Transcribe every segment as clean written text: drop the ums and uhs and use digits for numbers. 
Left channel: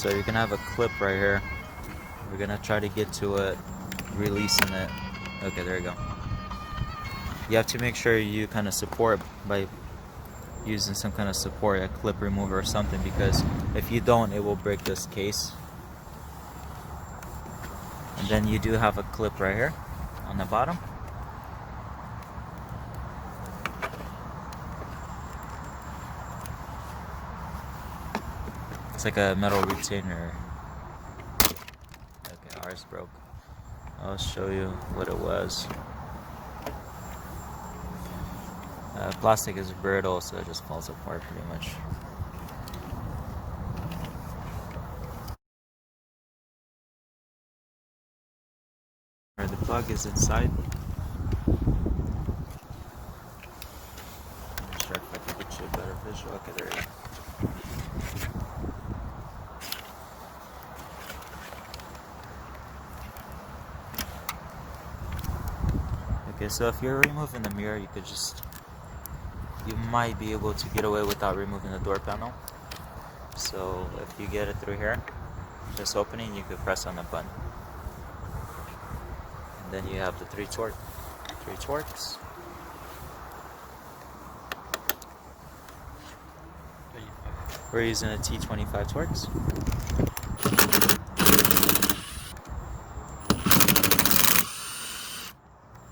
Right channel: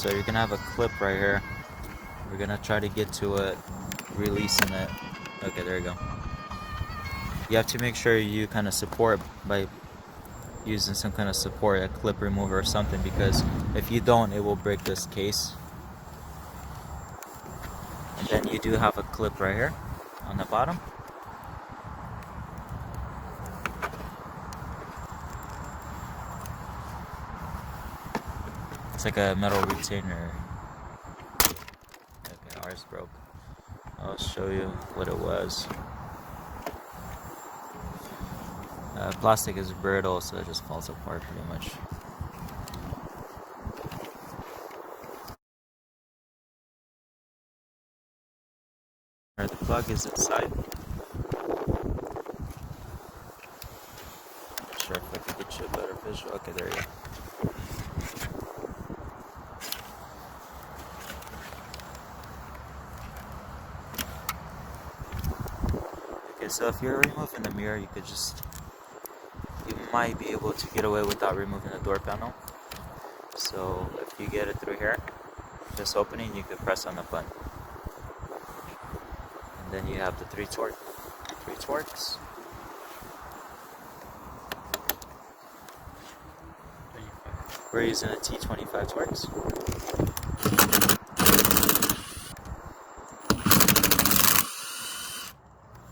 So you're gonna have a clip right here. We're gonna try to get to it, releasing it. Okay, there you go. You have to make sure you kind of support by using some kind of support, a clip remover or something, because if you don't, it will break this case. And then you do have a clip right here on the bottom. It's like a metal retainer. Okay, ours broke. I'll show you what it was. Plastic is brittle, so it just falls apart pretty much. The plug is inside. I'm not sure if I can get you a better visual. Okay, there you go. Okay, so if you're removing the mirror, you might be able to get away without removing the door panel. So if you get it through here, this opening, you can press on the button. And then you have the three torques. We're using a T25 torques.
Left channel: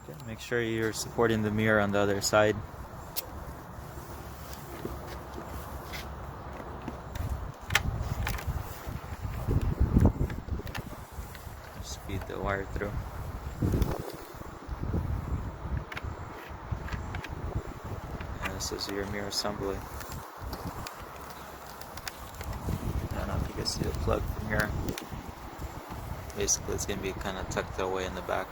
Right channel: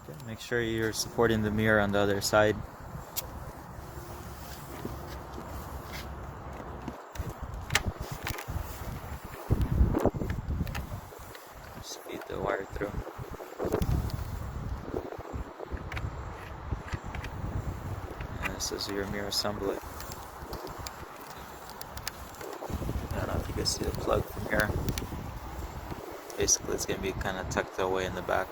Okay, make sure you're supporting the mirror on the other side. Just feed the wire through. And this is your mirror assembly. I don't know if you can see the plug from here. Basically, it's going to be kind of tucked away in the back.